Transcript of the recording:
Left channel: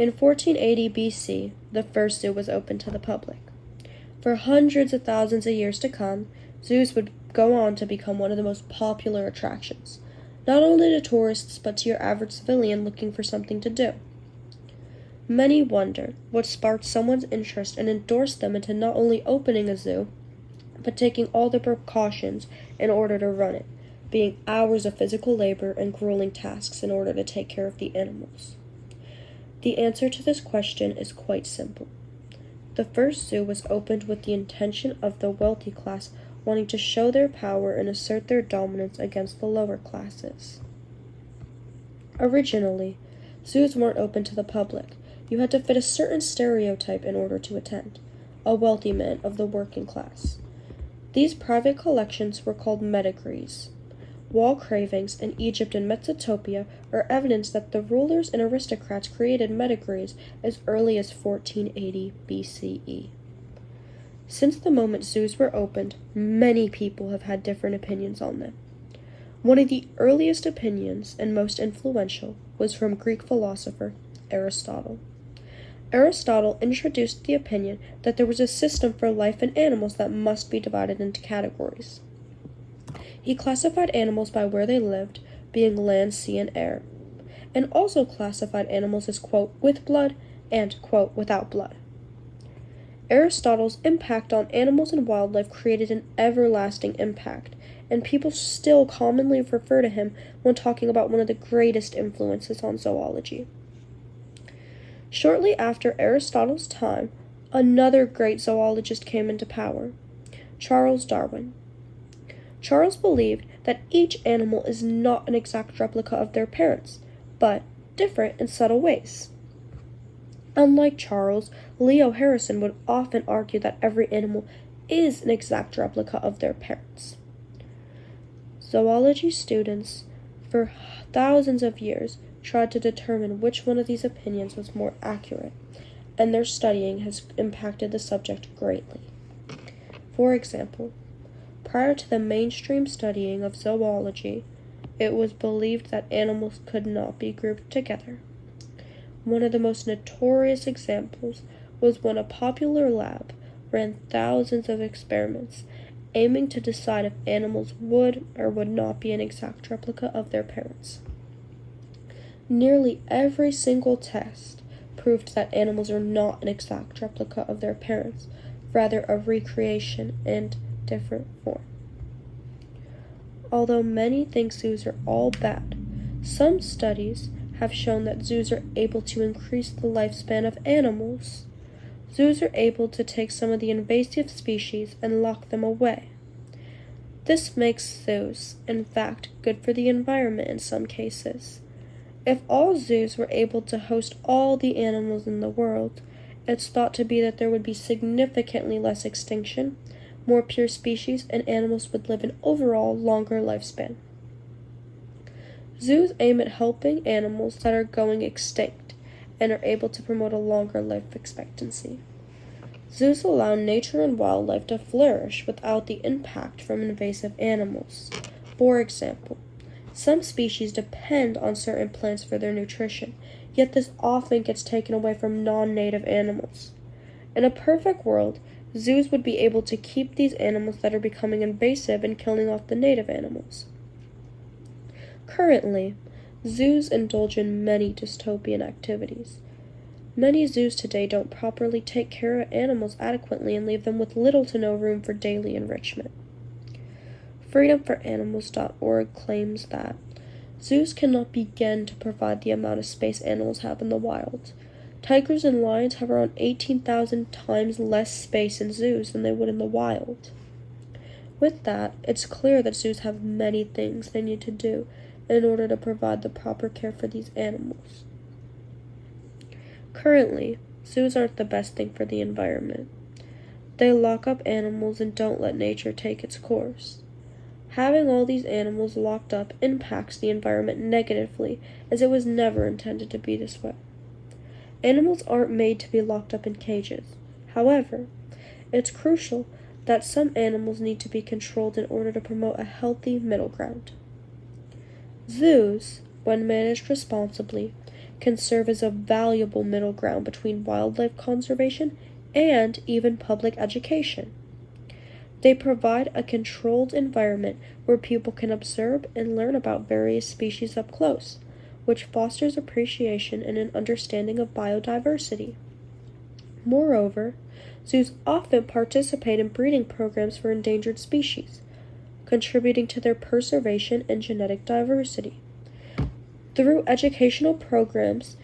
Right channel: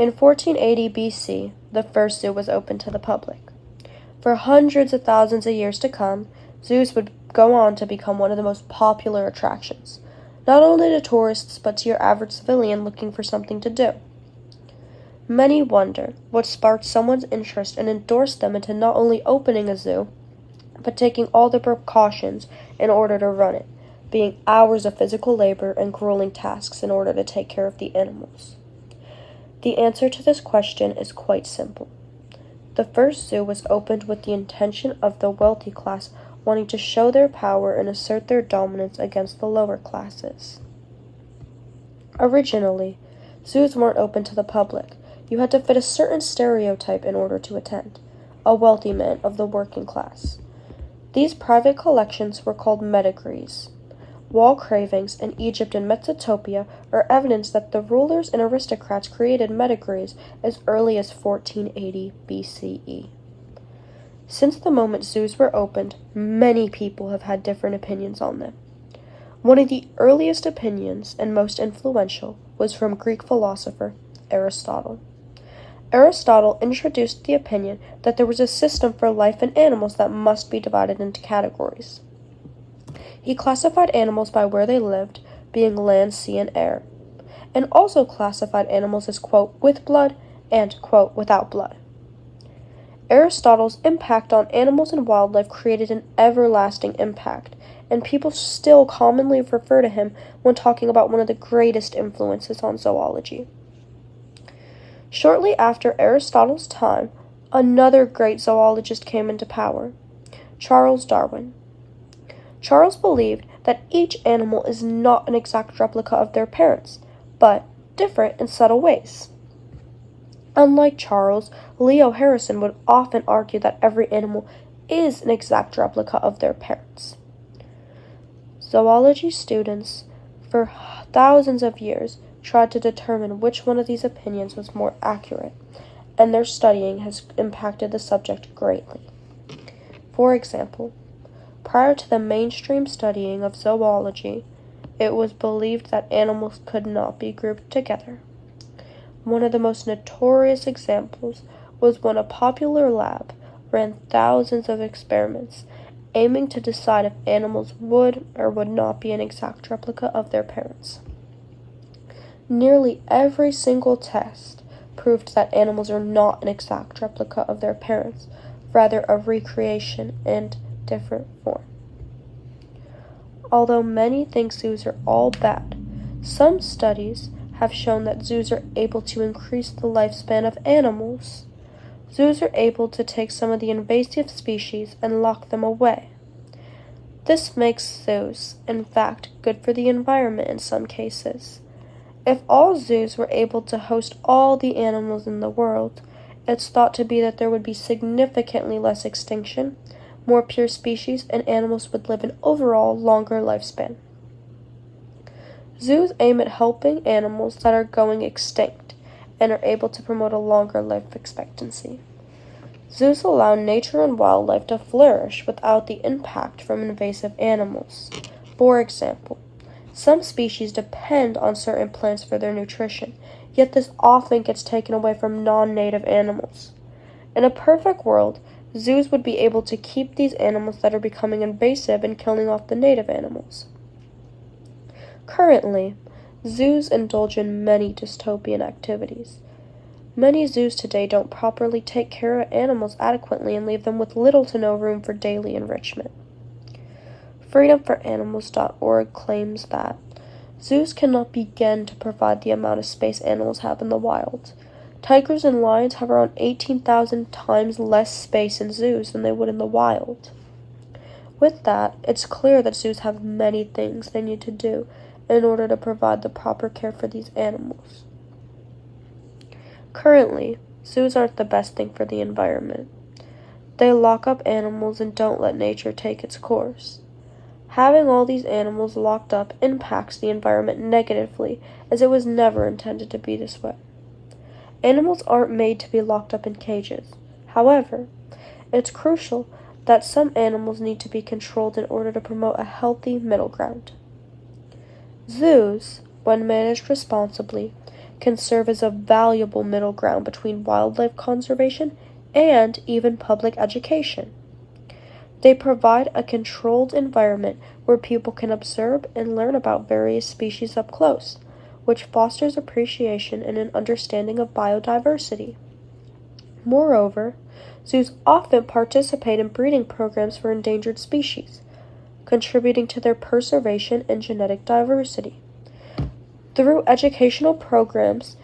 In 1480 BC, the first zoo was opened to the public. For hundreds of thousands of years to come, zoos would go on to become one of the most popular attractions, not only to tourists but to your average civilian looking for something to do. Many wonder what sparked someone's interest and endorsed them into not only opening a zoo, but taking all the precautions in order to run it, being hours of physical labor and grueling tasks in order to take care of the animals. The answer to this question is quite simple. The first zoo was opened with the intention of the wealthy class wanting to show their power and assert their dominance against the lower classes. Originally, zoos weren't open to the public. You had to fit a certain stereotype in order to attend, a wealthy man of the working class. These private collections were called medigrees. Wall carvings in Egypt and Mesopotamia are evidence that the rulers and aristocrats created medigrees as early as 1480 BCE. Since the moment zoos were opened, many people have had different opinions on them. One of the earliest opinions, and most influential, was from Greek philosopher Aristotle. Aristotle introduced the opinion that there was a system for life in animals that must be divided into categories. He classified animals by where they lived, being land, sea, and air, and also classified animals as, quote, with blood and, quote, without blood. Aristotle's impact on animals and wildlife created an everlasting impact, and people still commonly refer to him when talking about one of the greatest influences on zoology. Shortly after Aristotle's time, another great zoologist came into power, Charles Darwin. Charles believed that each animal is not an exact replica of their parents, but different in subtle ways. Unlike Charles, Leo Harrison would often argue that every animal is an exact replica of their parents. Zoology students, for thousands of years, tried to determine which one of these opinions was more accurate, and their studying has impacted the subject greatly. For example, prior to the mainstream studying of zoology, it was believed that animals could not be grouped together. One of the most notorious examples was when a popular lab ran thousands of experiments, aiming to decide if animals would or would not be an exact replica of their parents. Nearly every single test proved that animals are not an exact replica of their parents, rather a recreation in different form. Although many think zoos are all bad, some studies have shown that zoos are able to increase the lifespan of animals. Zoos are able to take some of the invasive species and lock them away. This makes zoos, in fact, good for the environment in some cases. If all zoos were able to host all the animals in the world, it's thought to be that there would be significantly less extinction, more pure species, and animals would live an overall longer lifespan. Zoos aim at helping animals that are going extinct and are able to promote a longer life expectancy. Zoos allow nature and wildlife to flourish without the impact from invasive animals. For example, some species depend on certain plants for their nutrition, yet this often gets taken away from non-native animals. In a perfect world, zoos would be able to keep these animals that are becoming invasive and killing off the native animals. Currently, zoos indulge in many dystopian activities. Many zoos today don't properly take care of animals adequately and leave them with little to no room for daily enrichment. FreedomForAnimals.org claims that zoos cannot begin to provide the amount of space animals have in the wild. Tigers and lions have around 18,000 times less space in zoos than they would in the wild. With that, it's clear that zoos have many things they need to do in order to provide the proper care for these animals. Currently, zoos aren't the best thing for the environment. They lock up animals and don't let nature take its course. Having all these animals locked up impacts the environment negatively, as it was never intended to be this way. Animals aren't made to be locked up in cages. However, it's crucial that some animals need to be controlled in order to promote a healthy middle ground. Zoos, when managed responsibly, can serve as a valuable middle ground between wildlife conservation and even public education. They provide a controlled environment where people can observe and learn about various species up close, which fosters appreciation and an understanding of biodiversity. Moreover, zoos often participate in breeding programs for endangered species, contributing to their preservation and genetic diversity. Through educational programs,